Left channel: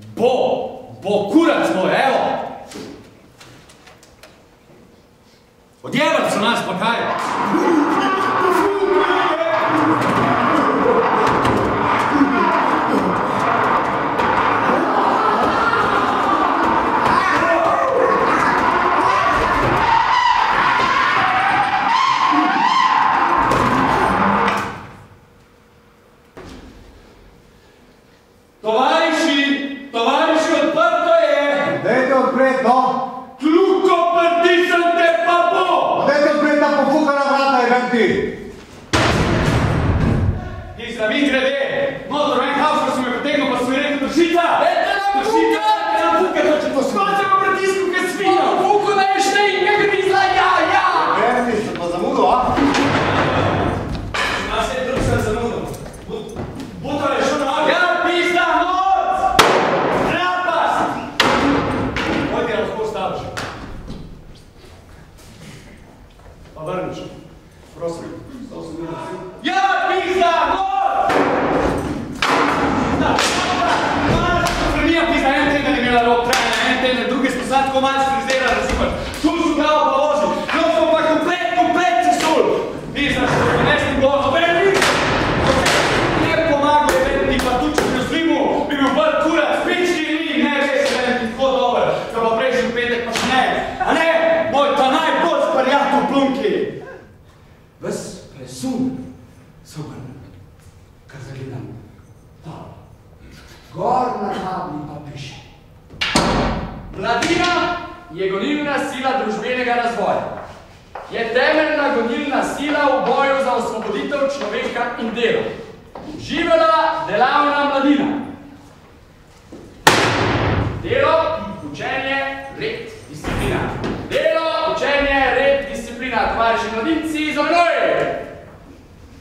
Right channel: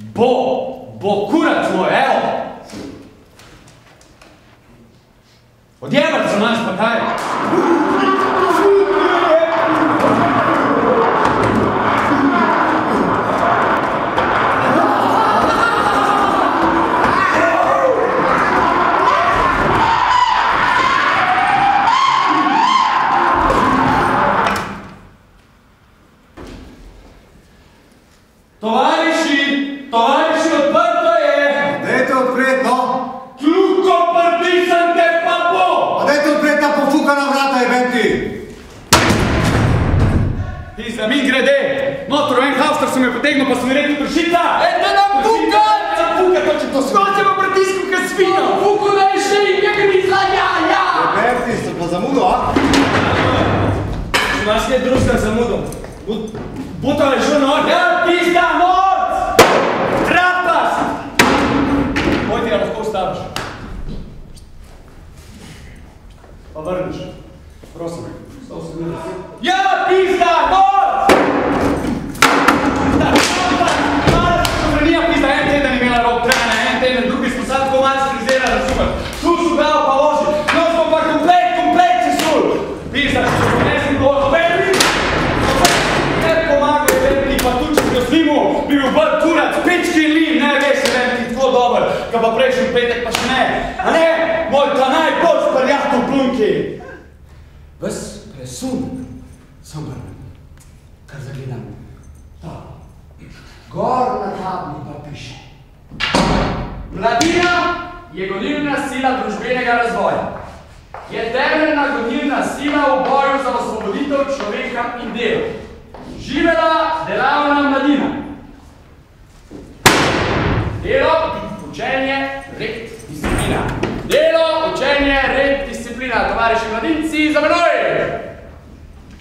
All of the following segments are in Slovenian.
Bo kurac moj, evo. Odjevat se nas pa kaj. Tovariši, odprto je! Dajte odpret, no! Kljuko prdisam te pa bo! Dajte odpret, da pofukana vrata je venti! Ti za mi grede! Notor, en hauster se me potegnil, pa sem mi rekel pršita! Da nam puka! Da nam puka, to če to svi! Skoče pa pritisku, kaj svino! Puku da je še in nekaj misla, ja! Venti, se pa zamudo, a? Imaš ne družka zamudo. Butove šuno, ja, pizda, moc! Trapast! Moj ti ga lahko staviš. Pa vrniš. Prosim. Ja, pizda, moc! Vrnija pizda, en teden je imela rok trajanja, en teden, drugi smo sad tako malo skrizela, razumem. Tu su glavo pa vozi, no smo pa komplet se sul. Pizda, nesli blogo, pa tu, če ga slimu, bi bil bolj kurac, pički lim, ne veš, ne bi tako dober, kaj pa prejšnji petek pa še ne. A ne, moj ta najbolj sprjat v plunki. Ves presun, samo kar zagledam. Ta. Gor na tabli pa piše. Mladina je gonilna sila družbenega razvoja. Je temeljna gonilna sila v boju za osvoboditev človeka in delo. Živela delavna mladina. Delo, učenje, red, disciplina. Delo, učenje, red, disciplina. Tovariši mladinci, za menoj!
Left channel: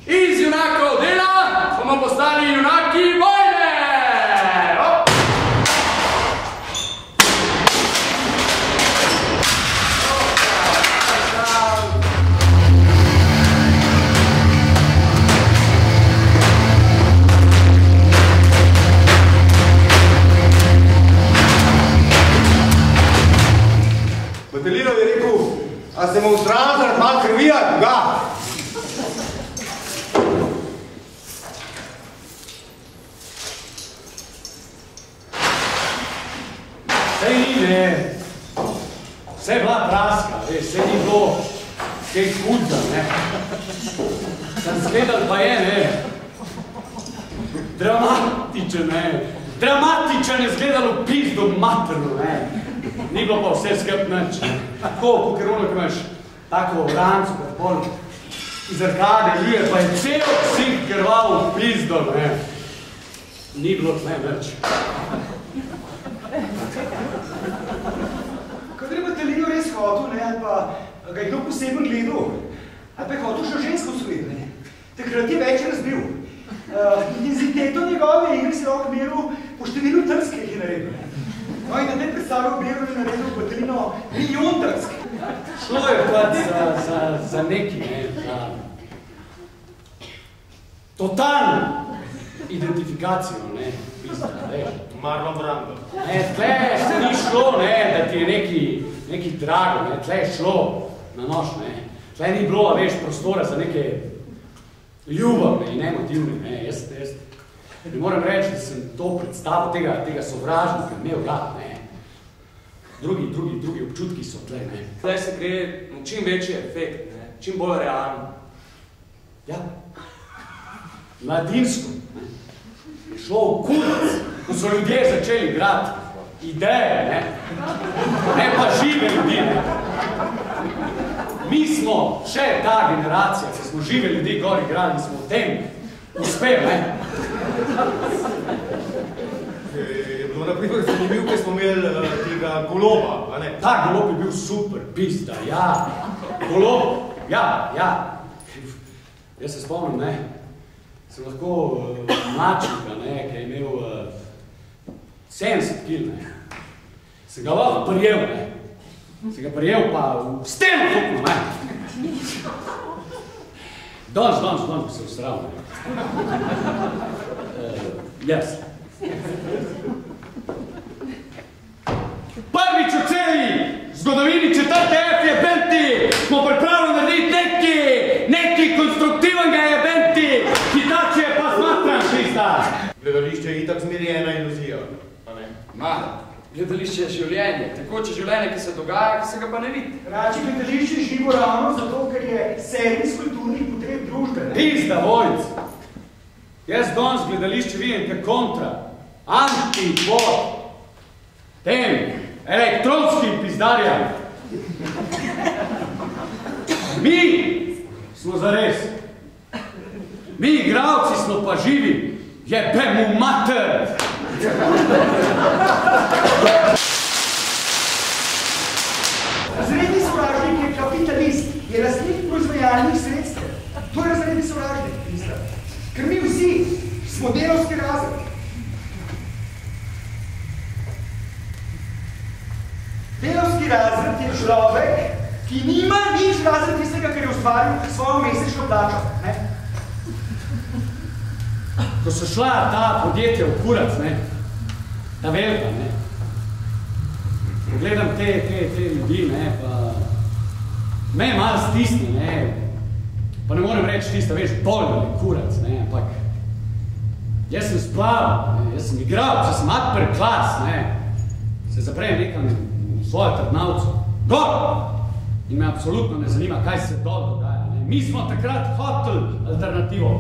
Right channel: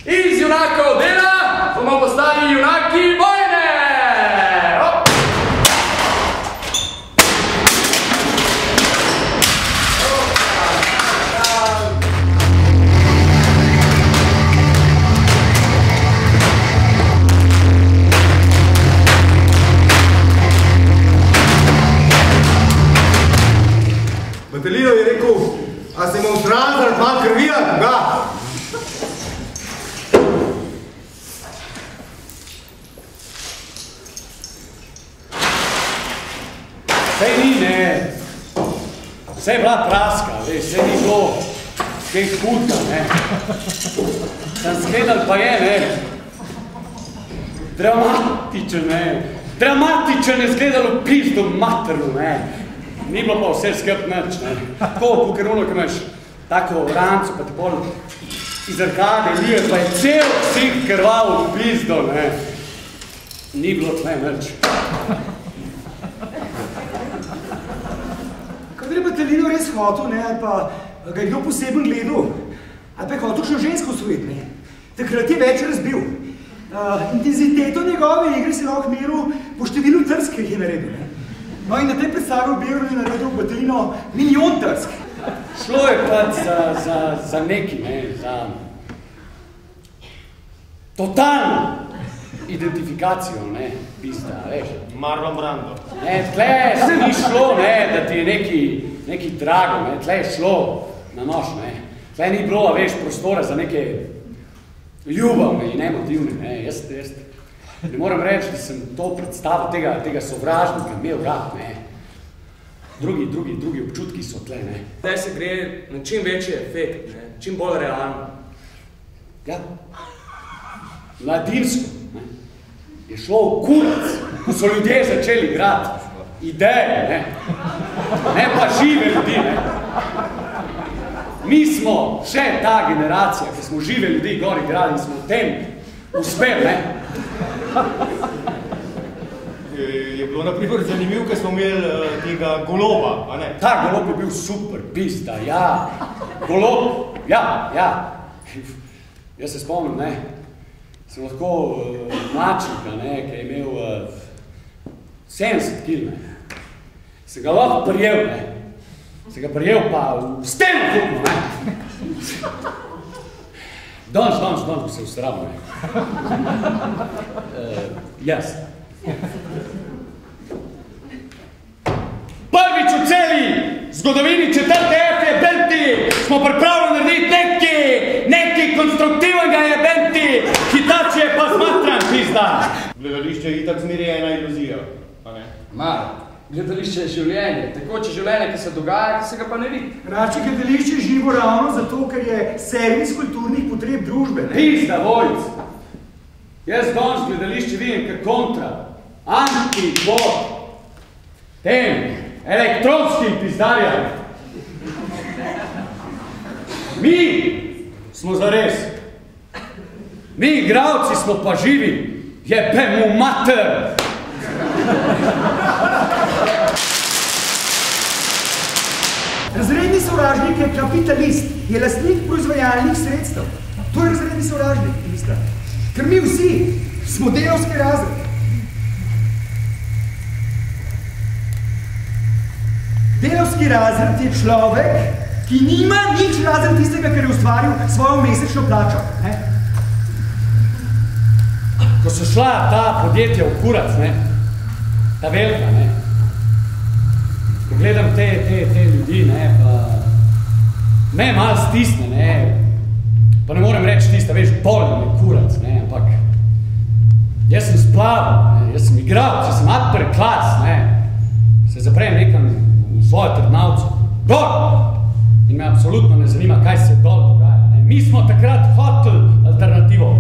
Iz junakov dela bomo postali junaki vojne! Hop! Batelinov je rekel, a se mu zrazal pan krvija, koga? Sej ni, ne. Sej je bila praska, sej ni bilo kaj hudga, ne. Sam zgledal pa je, ne. Dramatičen, ne. Dramatičen je zgledalo pizdo materno, ne. Ni bilo pa vse skrb nič, ne. Tako, kukeruno, ko imaš tako ranco, pa te bolj iz arkade lije, pa je cel vsih krval v pizdo, ne. Ni bilo tle nič. Kadar je Batelino res hotel, ne, ali pa ga je kdo poseben gledal, ali pa je hotel še žensko osvojiti, ne. Takrat je več razbil. Intenziteto njegove igre se je lahko meril po številu trsk, ki jih je naredil, ne. No in na tem predstavu Beru je naredil Batelino milijon trsk. Šlo je pač za neki, ne, za totalno identifikacijo, ne, pizda, veš. Marlon Brando. Ne, tle se ni šlo, ne, da ti je neki drago, ne, tle je šlo na nož, ne. Tle ni bilo, veš, prostora za neke ljubavne in emotivne, ne, jaz ne moram reči, da sem to predstavo tega sovražnika imel rad, ne. Drugi občutki so tle, ne. Zdaj se gre na čim večji efekt, ne, čim bolj realno. Ja, mladinsko, ne, je šlo v kurac, ko so ljudje začeli igrati ideje, ne pa žive ljudi, ne. Mi smo še ta generacija, ki smo žive ljudi gor igrali in smo v tem uspeli, ne. Je bilo naprimer zanimiv, ko smo imeli tega goloba, a ne? Ta golob je bil super, pizda, ja. Golob, ja. Jaz se spomnim, ne. Sem lahko mačka, ne, ki je imel 70 kil, ne. Se ga lahko prijel, ne. Se ga prijel pa v steno tukno, ne. Danes bi se usral, ne. Jaz. gledališče je itak zmerjena iluzija, a ne? Ma, gledališče je življenje, tekoče življenje, ki se dogaja, ki se ga pa ne vidi. Rače gledališče je živo ravno zato, ker je servis kulturnih potreb družbe. Pizda, Vojc! Jaz danes gledališče vidim kot kontra, anti-bod, tem elektronskim pizdarjam. Mi smo zares. Mi igravci smo pa živi. Jebemu mater! Razredni sovražnik je kapitalist, je lastnik proizvajalnih sredstev. To je razredni sovražnik, mislim. Ker mi vsi smo delavski razred. Delavski razred je človek, ki nima nič razen tistega, ker je ustvaril svojo mesečno plačo. Ko so šla ta podjetja v kurac, ne, ta velika, ne, gledam te ljudi, ne, pa me malo stisne, ne, pa ne morem reči tista, veš, bolj je kurac, ne, ampak jaz sem splaval, ne, jaz sem igral, jaz sem upper class, ne, se zaprejem nekam v svojo trdnavcu, dol, in me absolutno ne zanima, kaj se dol dogaja, ne, mi smo takrat hoteli alternativo,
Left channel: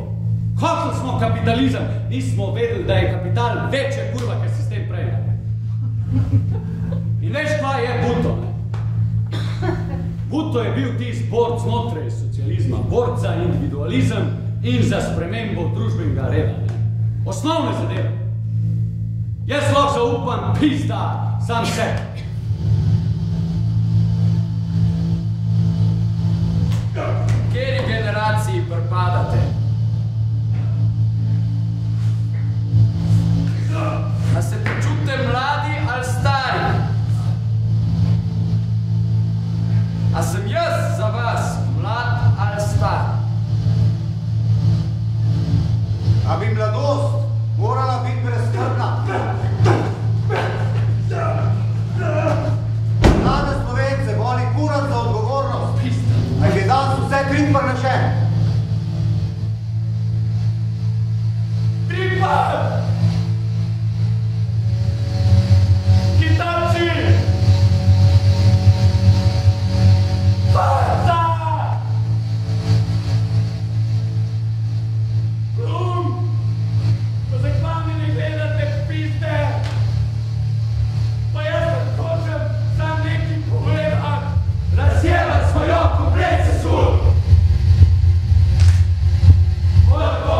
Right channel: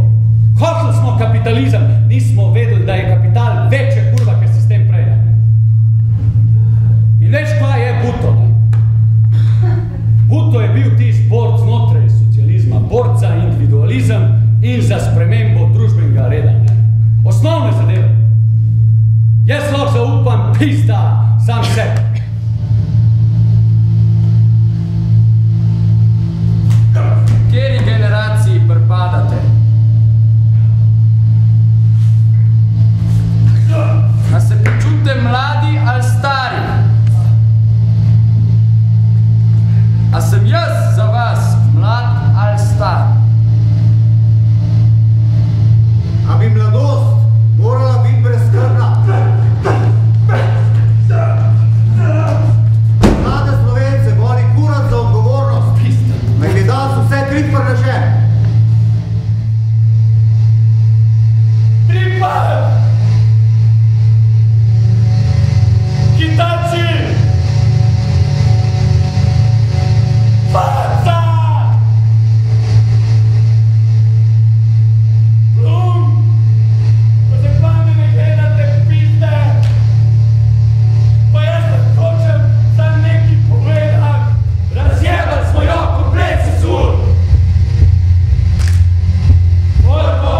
hoteli smo kapitalizem, nismo vedeli, da je kapital večja kurva, ker sistem prej, ne. In veš, kaj je Buto, ne? Buto je bil tisti borc znotraj socializma, borc za individualizem in za spremembo družbenega reda, ne. Osnovne zadeve. Jaz lahko zaupam pizda sam sebi. Kateri generaciji pripadate? A se počutite mladi ali stari? A sem jaz za vas mlad ali star? A bi mladost morala biti brezskrbna? Mlade Slovence boli kurat za odgovornost, nek je danes vse trik prnešen. Pripad! Kitanci! Faca! Plum! Pa se k vami ne gledate pizde! Pa jaz ne hočem sam nekaj pogledat! Razjebal svoj komplet sesul! Volko!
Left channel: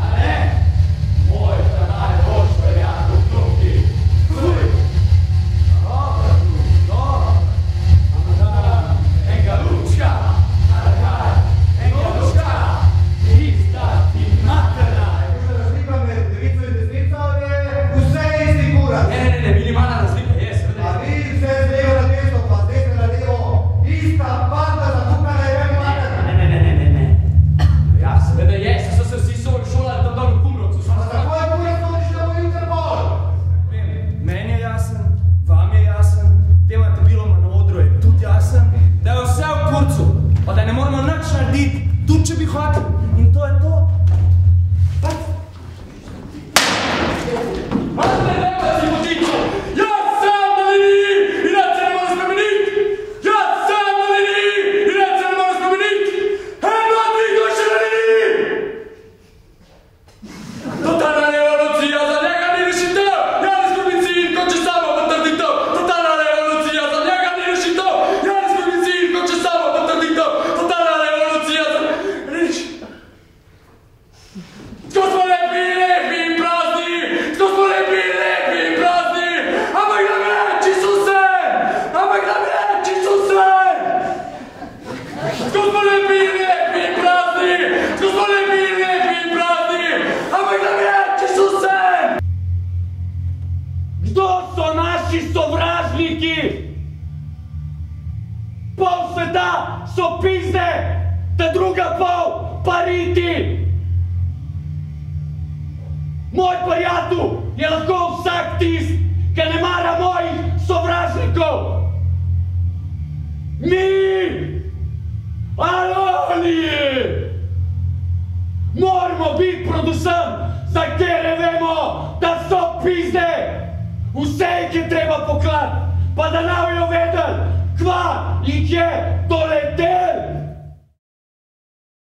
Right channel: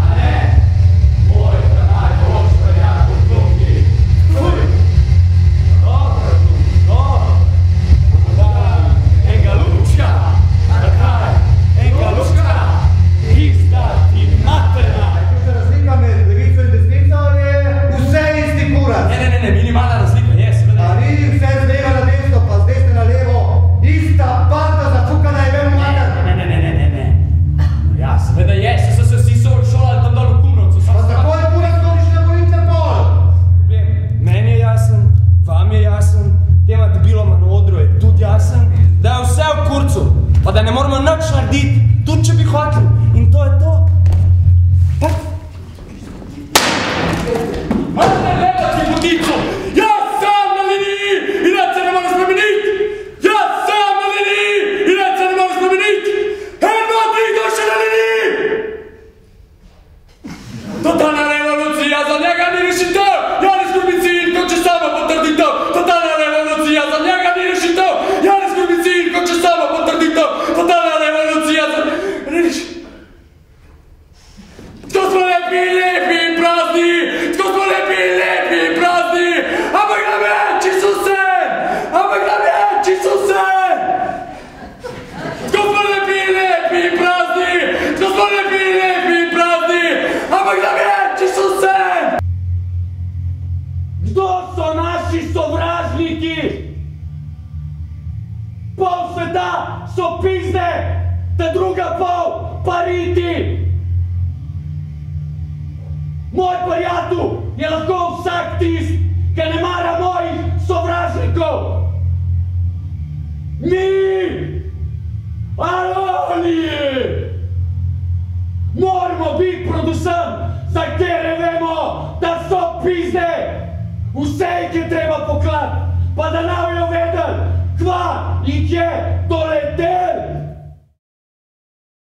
A ne? Moj kanal boš verjako vklopki! Tuj! Dobro tu, dobro! Enga lučka! Takaj! Enga lučka! Ista ti materna! Je razlika med levico in desnico ali je vse isti kurat? Ne, minimalna razlika, je, seveda. A ni vse z leva na desno, pa z desne na levo, ista panta zapukana je ven mater. Ne. Ja, seveda je, vsi so šolali tam dol v Kumrovcu. Pa tako je kurat stojiš na moj Interpol. Meni je jasen, vam je jasen, tema debiloma na odru je tudi jasen, da je vse v kurcu, pa da ne moramo nič narediti, tudi če bi hoteli. In to je to. Pa... Morate gledati vodico! Jaz sem na liniji in da se ne more spremeniti! Jaz sem na liniji in da se ne more spremeniti! Eno, tri, to še na liniji! Totalna revolucija, za njega ni rešitev! Janez Korbicin, hoče samo potrditev! Totalna revolucija, za njega ni rešitev! Janez Korbicin, hoče samo potrditev! Totalna revolucija, za... Reš... Tako smo lepi in prazni! Tako smo lepi in prazni! Ampak nam je Čisusem! Ampak nam je Čisusem! Tako smo lepi in prazni! Tako smo lepi in prazni! Ampak nam je Čisusem! Kdo so naši sovražniki? Pol sveta so pizde, ta druga pol pa riti! Moj prijatelj je lahko vsak tist, ki ne mara mojih sovražnikov. Mi, ali oni, moramo biti predvsem za katere vemo, da so pizde. Vse jih je treba poklati, pa da ne bojo vedeli, kva jih je doletel.